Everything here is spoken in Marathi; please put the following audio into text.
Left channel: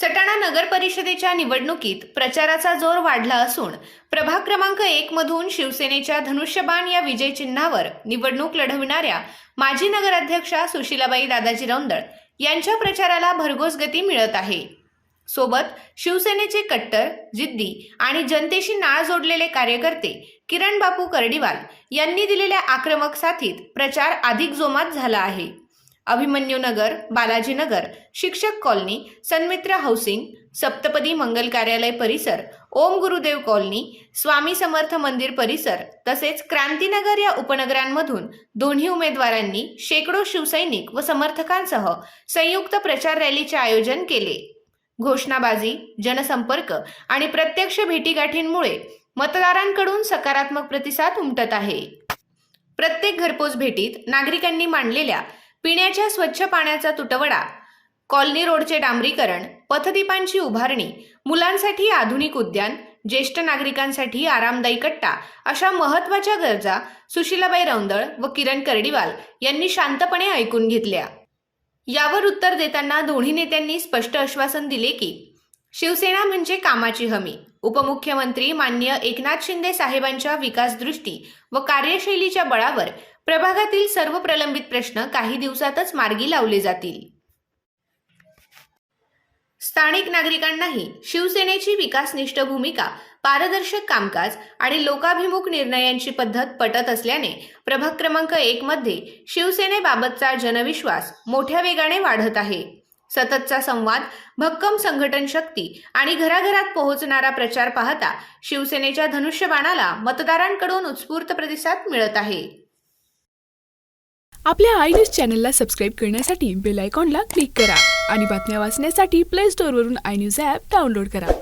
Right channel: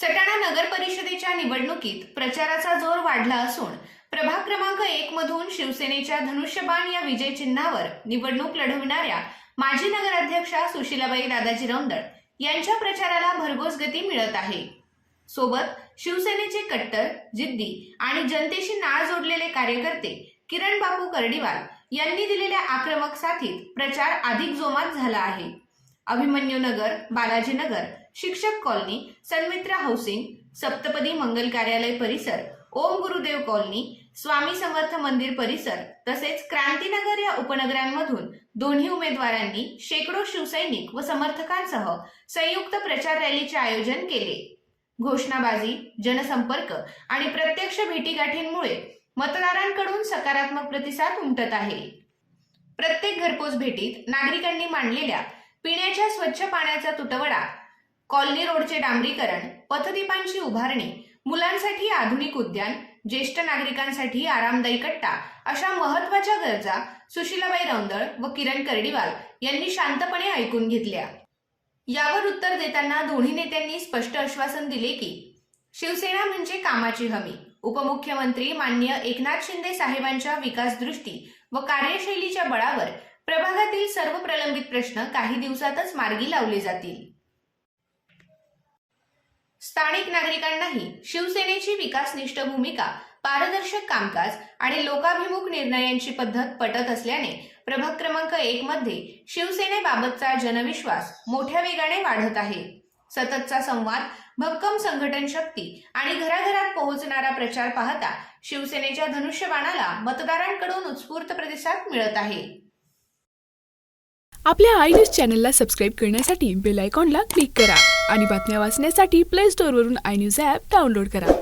सटाणा परिषदेच्या निवडणुकीत प्रचाराचा जोर वाढला असून प्रभाग क्रमांक एक मधून शिवसेनेच्या धनुष्यबाण या विजय चिन्हावर निवडणूक लढविणाऱ्या माजी नगराध्यक्षा सुशीलाबाई दादाजी रौंदळ यांच्या प्रचाराला भरघोस गती मिळत आहे. सोबत शिवसेनेचे कट्टर जिद्दी आणि जनतेशी नाळ जोडलेले कार्यकर्ते किरण बापू कर्डीवाल यांनी दिलेल्या आक्रमक साथीत प्रचार अधिक जोमात झाला आहे. अभिमन्यू नगर बालाजी नगर शिक्षक कॉलनी सन्मित्र हाऊसिंग सप्तपदी मंगल कार्यालय परिसर ओम गुरुदेव कॉलनी स्वामी समर्थ मंदिर परिसर तसेच क्रांतीनगर या उपनगरांमधून दोन्ही उमेदवारांनी शेकडो शिवसैनिक व समर्थकांसह संयुक्त प्रचार रॅलीचे आयोजन केले. घोषणाबाजी जनसंपर्क आणि प्रत्यक्ष भेटीगाठींमुळे मतदारांकडून सकारात्मक प्रतिसाद उमटत आहे. प्रत्येक घरपोच भेटीत नागरिकांनी मांडलेल्या पिण्याच्या स्वच्छ पाण्याचा तुटवडा कॉलनी रोडचे डांबरीकरण पथदीपांची उभारणी मुलांसाठी आधुनिक उद्यान ज्येष्ठ नागरिकांसाठी आरामदायी कट्टा अशा महत्त्वाच्या गरजा सुशीलाबाई रौंदळ व किरण कर्डीवाल यांनी शांतपणे ऐकून घेतल्या. यावर उत्तर देताना दोन्ही नेत्यांनी स्पष्ट आश्वासन दिले की शिवसेना म्हणजे कामाची हमी. उपमुख्यमंत्री मान्य एकनाथ शिंदे साहेबांच्या विकासदृष्टी व कार्यशैलीच्या बळावर प्रभागातील सर्व प्रलंबित प्रश्न काही दिवसातच मार्गी लावले जातील. स्थानिक नागरिकांनाही शिवसेनेची विकासनिष्ठ भूमिका पारदर्शक कामकाज आणि लोकाभिमुख निर्णयांची पद्धत पटत असल्याने प्रभाग क्रमांक एक मध्ये शिवसेनेबाबतचा जनविश्वास मोठ्या वेगाने वाढत आहे. सततचा संवाद भक्कम संघटन शक्ती आणि घराघरात पोहोचणारा प्रचार पाहता शिवसेनेच्या धनुष्यबाणाला मतदारांकडून उत्स्फूर्त प्रतिसाद मिळत आहे. आपल्या आय न्यूज चॅनलला सबस्क्राईब करण्यासाठी बेल आयकॉनला क्लिक करा आणि बातम्या वाचण्यासाठी प्ले स्टोअरवरून आय न्यूज ॲप डाउनलोड करा.